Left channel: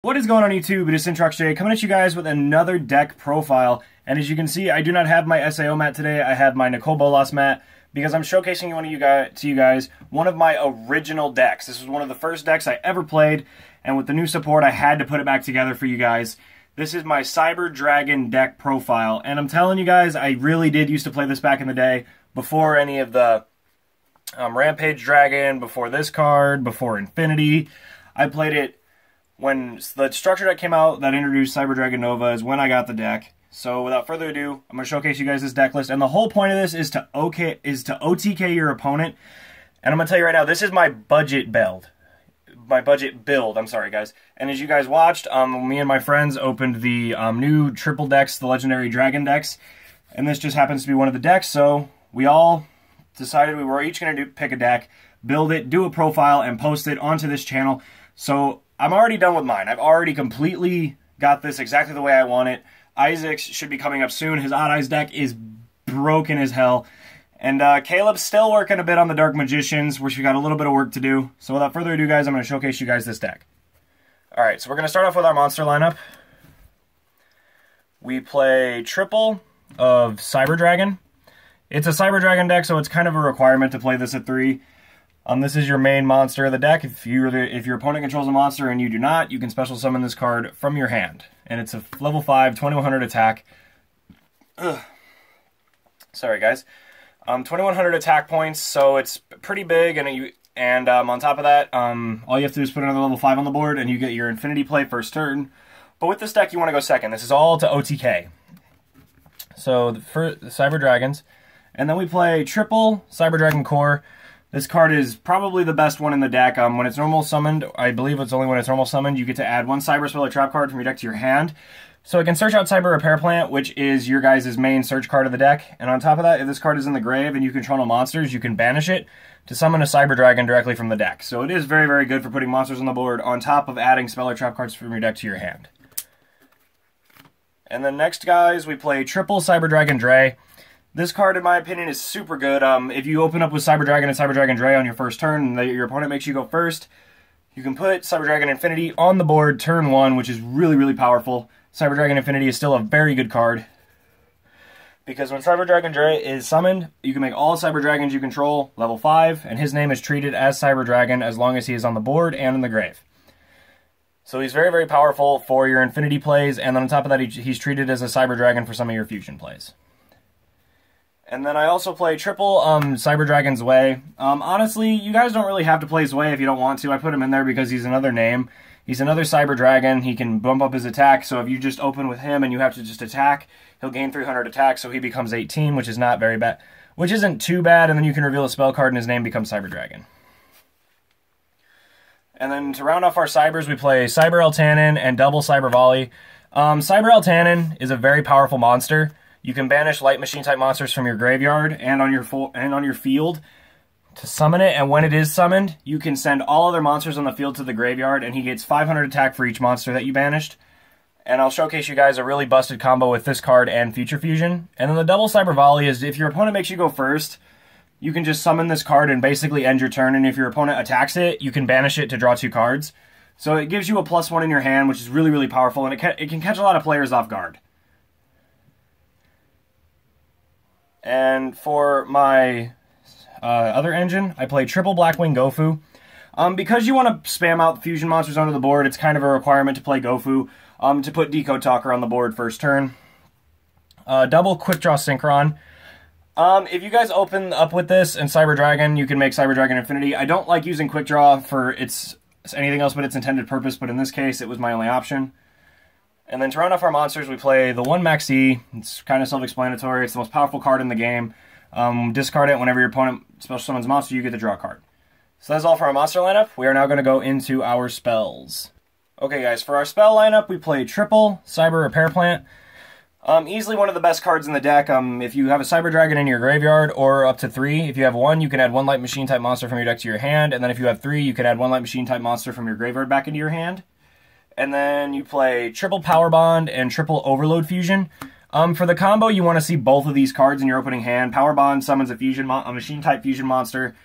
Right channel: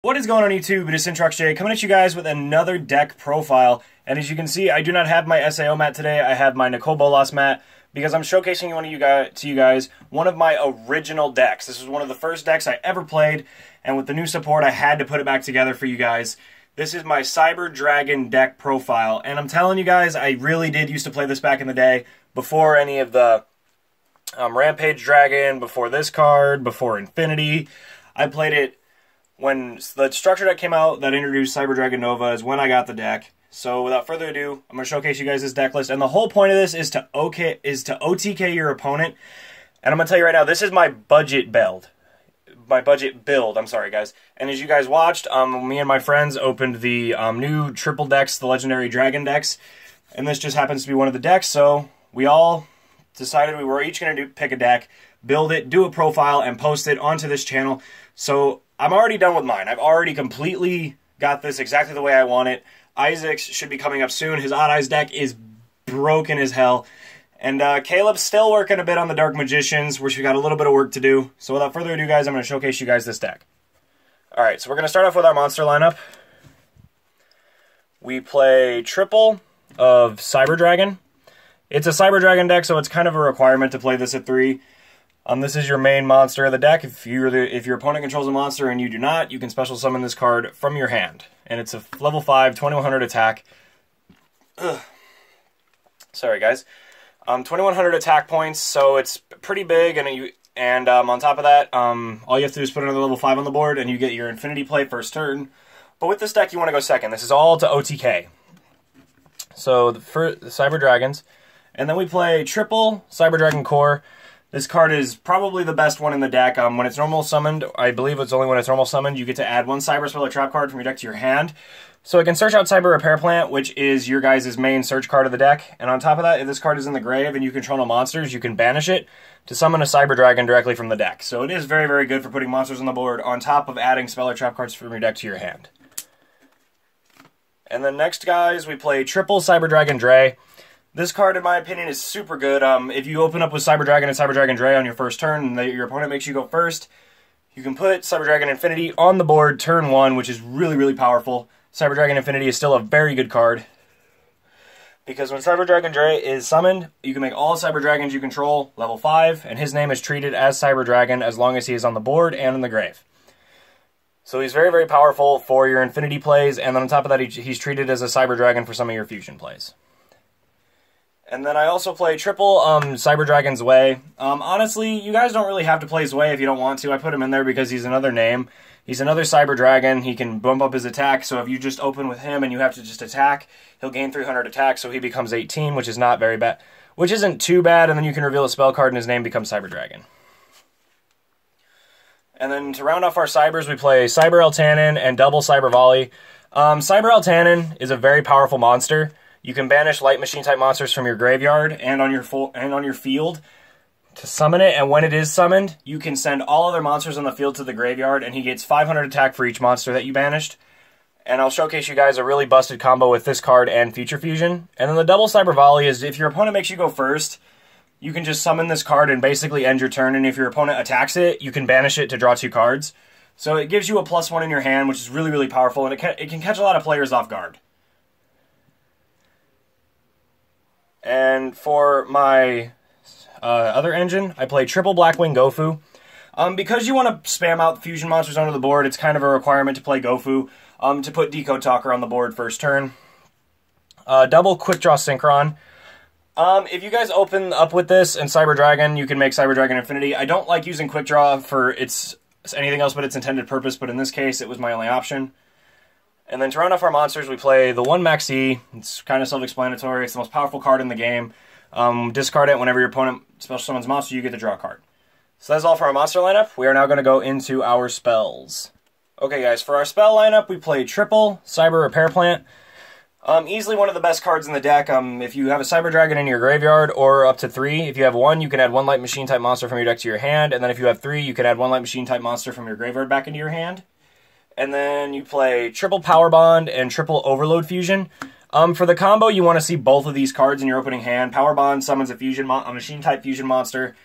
What is going on YouTube? It is Syntrox coming at you guys with another deck profile. And as you can see, I do not have my SAO mat today. I have my Nicole Bolas mat because I'm showcasing to you guys one of my original decks. This was one of the first decks I ever played, and with the new support, I had to put it back together for you guys. This is my Cyber Dragon deck profile, and I'm telling you guys, I really did used to play this back in the day, before any of the Rampage Dragon, before this card, before Infinity. I played it when the structure deck came out that introduced Cyber Dragon Nova is when I got the deck. So without further ado, I'm going to showcase you guys this deck list. And the whole point of this is to OTK your opponent. And I'm going to tell you right now, this is my budget build. I'm sorry, guys. And as you guys watched, me and my friends opened the new triple decks, the Legendary Dragon decks. And this just happens to be one of the decks. So we all decided we were each going to pick a deck, build it, do a profile, and post it onto this channel. So I'm already done with mine. I've already completely got this exactly the way I want it. Isaac's should be coming up soon. His Odd Eyes deck is broken as hell. And Caleb's still working a bit on the Dark Magicians, which we got a little bit of work to do. So without further ado, guys, I'm going to showcase you guys this deck. Alright, so we're going to start off with our monster lineup. We play triple of Cyber Dragon. It's a Cyber Dragon deck, so it's kind of a requirement to play this at 3. This is your main monster of the deck. If your opponent controls a monster and you do not, you can special summon this card from your hand. And it's a level 5, 2100 attack. Ugh. Sorry, guys. 2100 attack points, so it's pretty big. And on top of that, all you have to do is put another level 5 on the board, and you get your Infinity play first turn. But with this deck, you want to go second. This is all to OTK. So the Cyber Dragons. And then we play triple Cyber Dragon Core. This card is probably the best one in the deck. When it's normal summoned, I believe it's only when it's normal summoned, you get to add one Cyber Spell or Trap card from your deck to your hand. So it can search out Cyber Repair Plant, which is your guys' main search card of the deck. And on top of that, if this card is in the grave and you control no monsters, you can banish it to summon a Cyber Dragon directly from the deck. So it is very, very good for putting monsters on the board on top of adding Spell or Trap cards from your deck to your hand. And then next, guys, we play triple Cyber Dragon Dre. This card, in my opinion, is super good. If you open up with Cyber Dragon and Cyber Dragon Dre on your first turn, and your opponent makes you go first, you can put Cyber Dragon Infinity on the board turn 1, which is really, really powerful. Cyber Dragon Infinity is still a very good card, because when Cyber Dragon Dre is summoned, you can make all Cyber Dragons you control level 5, and his name is treated as Cyber Dragon as long as he is on the board and in the grave. So he's very, very powerful for your Infinity plays, and then on top of that, he's treated as a Cyber Dragon for some of your fusion plays. And then I also play triple Cyber Dragon Zwei. Honestly, you guys don't really have to play Zwei if you don't want to. I put him in there because he's another name. He's another Cyber Dragon. He can bump up his attack, so if you just open with him and you have to just attack, he'll gain 300 attack, so he becomes 18, which is not very bad. Which isn't too bad, and then you can reveal a spell card and his name becomes Cyber Dragon. And then to round off our Cybers, we play Cyber Eltanin and double Cyber Volley. Cyber Eltanin is a very powerful monster. You can banish Light Machine type monsters from your graveyard and on your field to summon it, and when it is summoned, you can send all other monsters on the field to the graveyard, and he gets 500 attack for each monster that you banished. And I'll showcase you guys a really busted combo with this card and Future Fusion. And then the double Cyber Volley is if your opponent makes you go first, you can just summon this card and basically end your turn, and if your opponent attacks it, you can banish it to draw 2 cards. So it gives you a +1 in your hand, which is really, really powerful, and it can catch a lot of players off guard. And for my other engine, I play triple Blackwing Gofu. Because you want to spam out fusion monsters onto the board, it's kind of a requirement to play Gofu, to put Decode Talker on the board first turn. Double Quick Draw Synchron. If you guys open up with this and Cyber Dragon, you can make Cyber Dragon Infinity. I don't like using Quick Draw for anything else but its intended purpose, but in this case, it was my only option. And then to round off our monsters, we play the 1 Maxi. It's kind of self-explanatory. It's the most powerful card in the game. Discard it whenever your opponent special summons a monster, you get to draw a card. So that's all for our monster lineup. We are now going to go into our spells. Okay, guys, for our spell lineup, we play triple Cyber Repair Plant. Easily one of the best cards in the deck. If you have a Cyber Dragon in your graveyard, or up to 3, if you have 1, you can add 1 Light Machine type monster from your deck to your hand, and then if you have 3, you can add 1 Light Machine type monster from your graveyard back into your hand. And then you play triple Power Bond and triple Overload Fusion. For the combo, you want to see both of these cards in your opening hand. Power Bond summons a machine type fusion monster,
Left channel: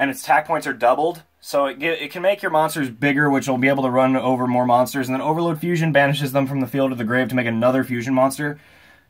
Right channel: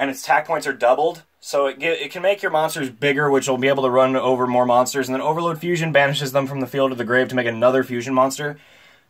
and its attack points are doubled. So it can make your monsters bigger, which will be able to run over more monsters. And then Overload Fusion banishes them from the field to the grave to make another fusion monster.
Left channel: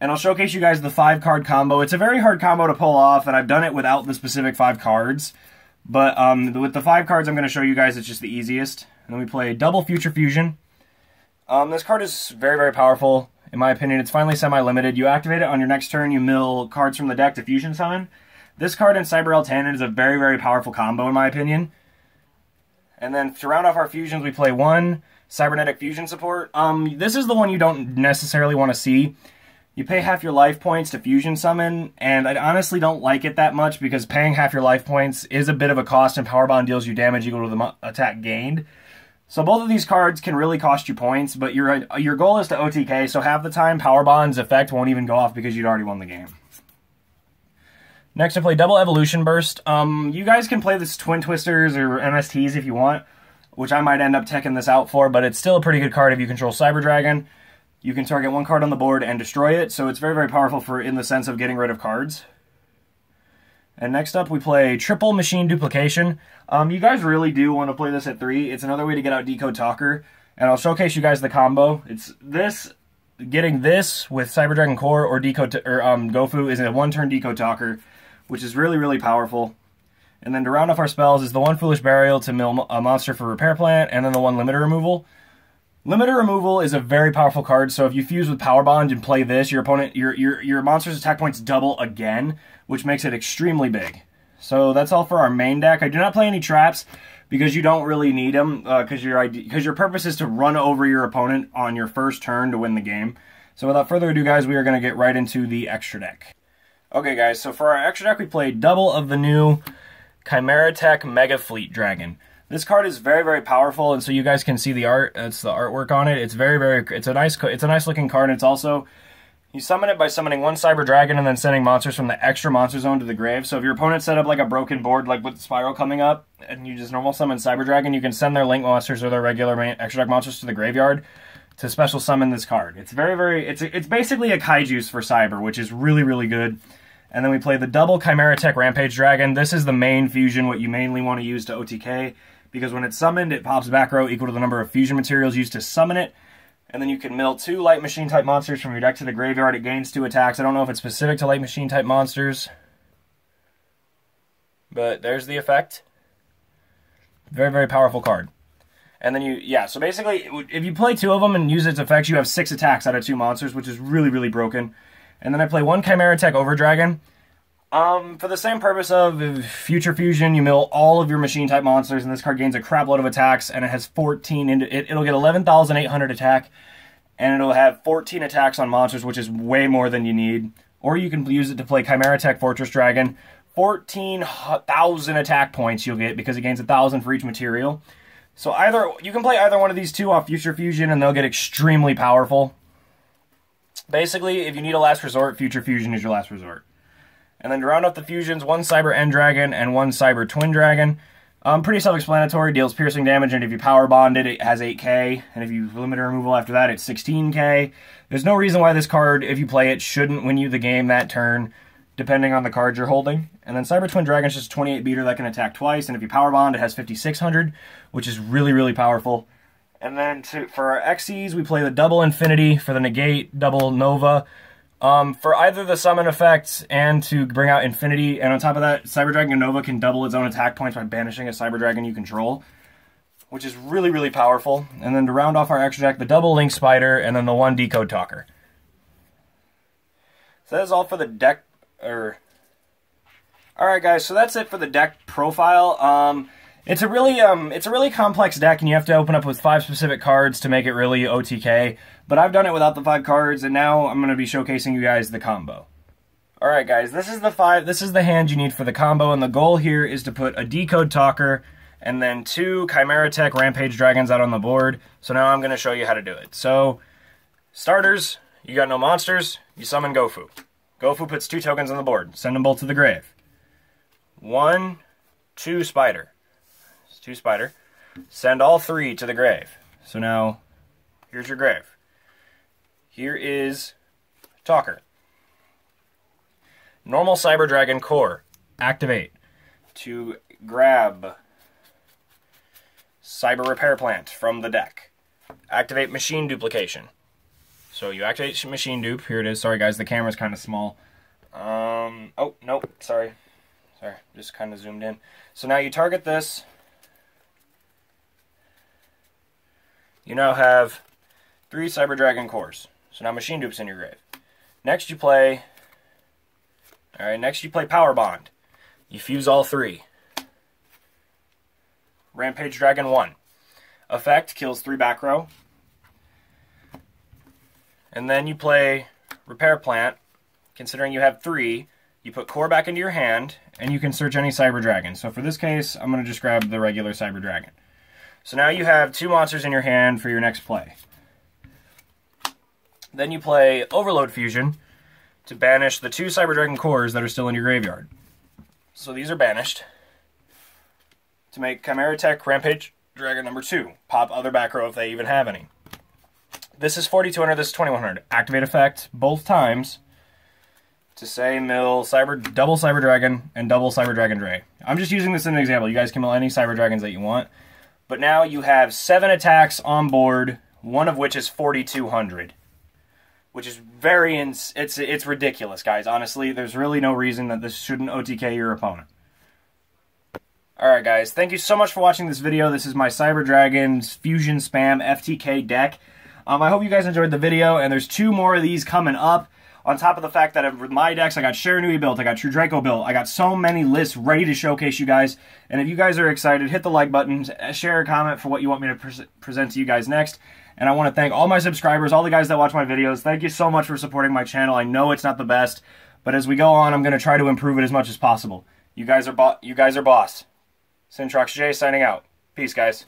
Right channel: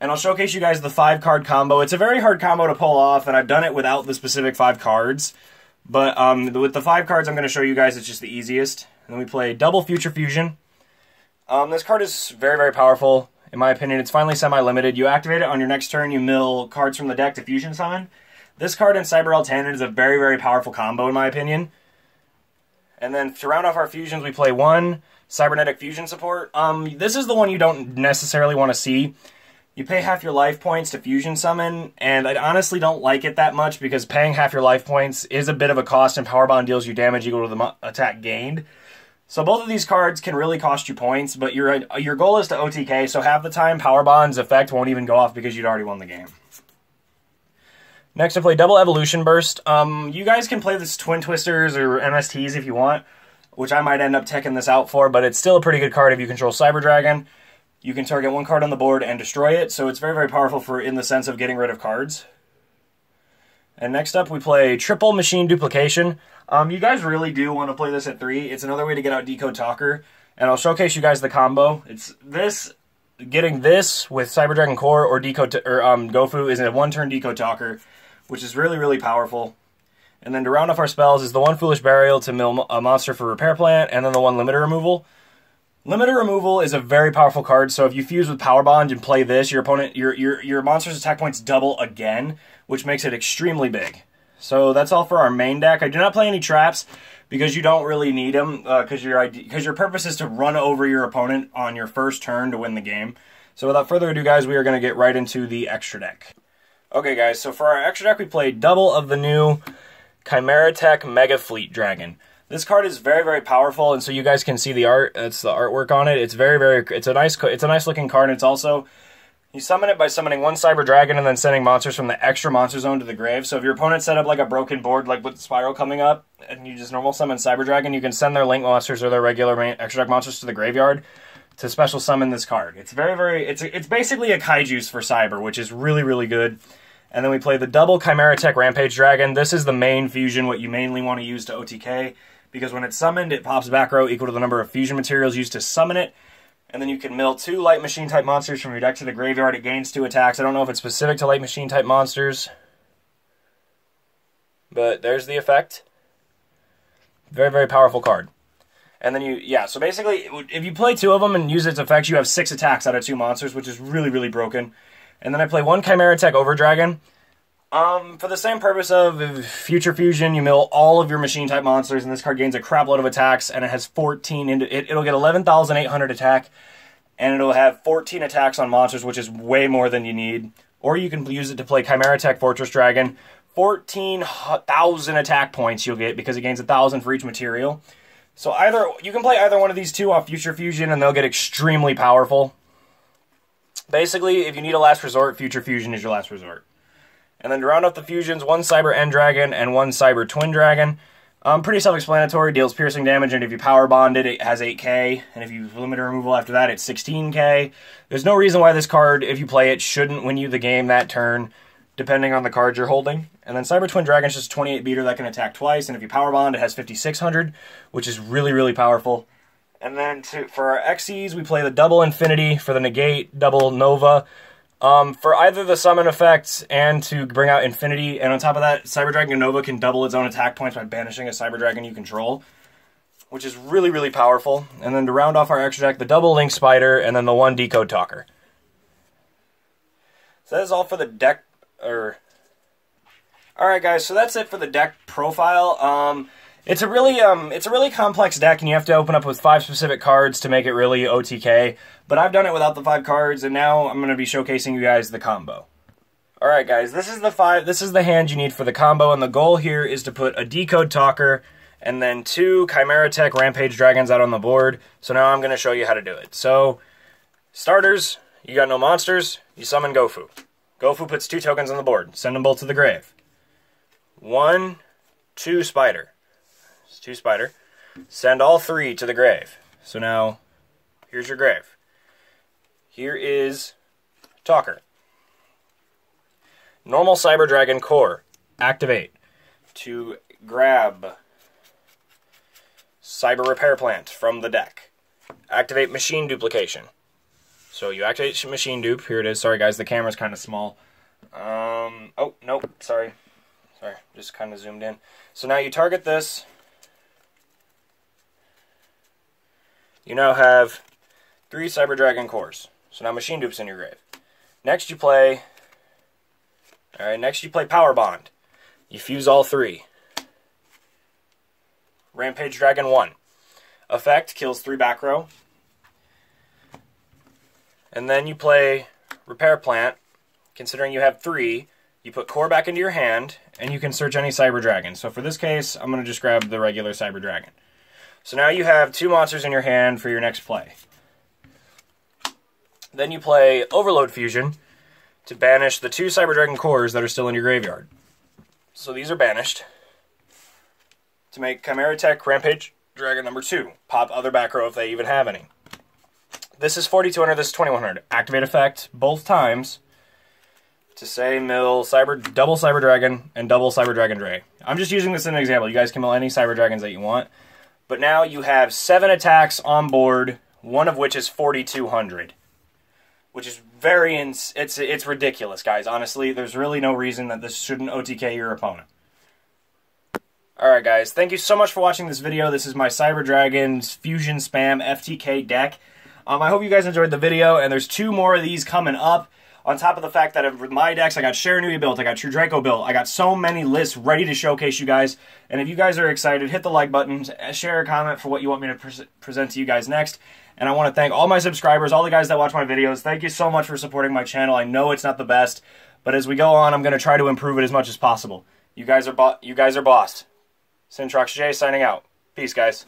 And I'll showcase you guys the 5-card combo. It's a very hard combo to pull off, and I've done it without the specific 5 cards. But with the 5 cards I'm going to show you guys, it's just the easiest. And then we play double Future Fusion. This card is very, very powerful. In my opinion, it's finally semi-limited. You activate it on your next turn, you mill cards from the deck to fusion summon. This card and Cyber Eltanin is a very, very powerful combo, in my opinion. And then to round off our fusions, we play 1 Cybernetic Fusion Support. This is the one you don't necessarily want to see. You pay half your life points to fusion summon, and I honestly don't like it that much because paying half your life points is a bit of a cost, and Power Bond deals you damage equal to the attack gained. So both of these cards can really cost you points, but your goal is to OTK, so half the time Power Bond's effect won't even go off because you'd already won the game. Next, I play double Evolution Burst. You guys can play this Twin Twisters or MSTs if you want, which I might end up teching this out for, but it's still a pretty good card if you control Cyber Dragon. You can target 1 card on the board and destroy it, so it's very, very powerful in the sense of getting rid of cards. And next up, we play triple Machine Duplication. You guys really do want to play this at 3. It's another way to get out Decode Talker, and I'll showcase you guys the combo. It's this, getting this with Cyber Dragon Core or Gofu is a 1-turn Decode Talker, which is really, really powerful. And then to round off our spells is the 1 Foolish Burial to mill a monster for Repair Plant, and then the 1 Limiter Removal. Limiter Removal is a very powerful card, so if you fuse with Power Bond and play this, your opponent, your monster's attack points double again, which makes it extremely big. So that's all for our main deck. I do not play any traps because you don't really need them, because your purpose is to run over your opponent on your first turn to win the game. So without further ado, guys, we are going to get right into the extra deck. Okay, guys, so for our extra deck, we played double of the new Chimera Tech Mega Fleet Dragon. This card is very, very powerful, and so you guys can see the art. It's the artwork on it. It's very, very. It's a nice looking card. And it's also, you summon it by summoning 1 Cyber Dragon and then sending monsters from the extra monster zone to the grave. So if your opponent set up like a broken board, like with Spiral coming up, and you just normal summon Cyber Dragon, you can send their Link monsters or their regular extra deck monsters to the graveyard to special summon this card. It's very, very. It's basically a Kaiju's for Cyber, which is really, really good. And then we play the double Chimera Tech Rampage Dragon. This is the main fusion, what you mainly want to use to OTK, because when it's summoned, it pops back row equal to the number of fusion materials used to summon it. And then you can mill 2 Light Machine type monsters from your deck to the graveyard. It gains 2 attacks. I don't know if it's specific to Light Machine type monsters, but there's the effect. Very, very powerful card. And then so basically, if you play 2 of them and use its effects, you have 6 attacks out of 2 monsters, which is really, really broken. And then I play 1 Chimera Tech Over Dragon. For the same purpose of Future Fusion, you mill all of your machine-type monsters, and this card gains a crap load of attacks, and it has 14... It'll get 11,800 attack, and it'll have 14 attacks on monsters, which is way more than you need. Or you can use it to play Chimera Tech Fortress Dragon. 14,000 attack points you'll get, because it gains 1,000 for each material. So you can play either one of these 2 off Future Fusion, and they'll get extremely powerful. Basically, if you need a last resort, Future Fusion is your last resort. And then to round up the fusions, 1 Cyber End Dragon and 1 Cyber Twin Dragon. Pretty self-explanatory, deals piercing damage, and if you Power Bond it, it has 8k, and if you limit removal after that, it's 16k. There's no reason why this card, if you play it, shouldn't win you the game that turn, depending on the cards you're holding. And then Cyber Twin Dragon is just a 28 beater that can attack twice, and if you Power Bond, it has 5,600, which is really, really powerful. And then for our Xyz, we play the double Infinity for the negate, double Nova. For either the summon effects and to bring out Infinity, and on top of that, Cyber Dragon Nova can double its own attack points by banishing a Cyber Dragon you control, which is really, really powerful. And then to round off our extra deck, the double Link Spider, and then the 1 Decode Talker. So that is all for the deck, Alright guys, so that's it for the deck profile. It's a really complex deck, and you have to open up with 5 specific cards to make it really OTK. But I've done it without the 5 cards, and now I'm going to be showcasing you guys the combo. Alright guys, this is the hand you need for the combo, and the goal here is to put a Decode Talker and then 2 Chimera Tech Rampage Dragons out on the board. So now I'm going to show you how to do it. So, starters, you got no monsters, you summon Gofu. Gofu puts 2 tokens on the board. Send them both to the grave. 1, 2 Spider. 2 Spider. Send all 3 to the grave. So now, here's your grave. Here is Talker. Normal Cyber Dragon Core. Activate. To grab Cyber Repair Plant from the deck. Activate Machine Duplication. So you activate Machine Dupe. Here it is. Sorry, guys, the camera's kind of small. Oh, nope, sorry. Sorry, just kind of zoomed in. So now you target this. You now have 3 Cyber Dragon cores. So now Machine Dupe's in your grave. Next you play... Alright, next you play Power Bond. You fuse all 3. Rampage Dragon 1. Effect, kills 3 back row. And then you play Repair Plant. Considering you have 3, you put core back into your hand, and you can search any Cyber Dragon. So for this case, I'm going to just grab the regular Cyber Dragon. So now you have 2 monsters in your hand for your next play. Then you play Overload Fusion to banish the 2 Cyber Dragon cores that are still in your graveyard. So these are banished. To make Chimera Tech Rampage Dragon number 2. Pop other back row if they even have any. This is 4,200, this is 2,100. Activate effect both times to say mill double Cyber Dragon and double Cyber Dragon Dre. I'm just using this as an example. You guys can mill any Cyber Dragons that you want. But now you have 7 attacks on board, one of which is 4,200. Which is it's ridiculous, guys. Honestly, there's really no reason that this shouldn't OTK your opponent. Alright, guys. Thank you so much for watching this video. This is my Cyber Dragons Fusion Spam FTK deck. I hope you guys enjoyed the video, and there's 2 more of these coming up. On top of the fact that with my decks, I got Sharanui built, I got True Draco built, I got so many lists ready to showcase you guys. And if you guys are excited, hit the like button, share a comment for what you want me to present to you guys next. And I want to thank all my subscribers, all the guys that watch my videos. Thank you so much for supporting my channel. I know it's not the best, but as we go on, I'm going to try to improve it as much as possible. You guys are boss. Syntrox J signing out. Peace, guys.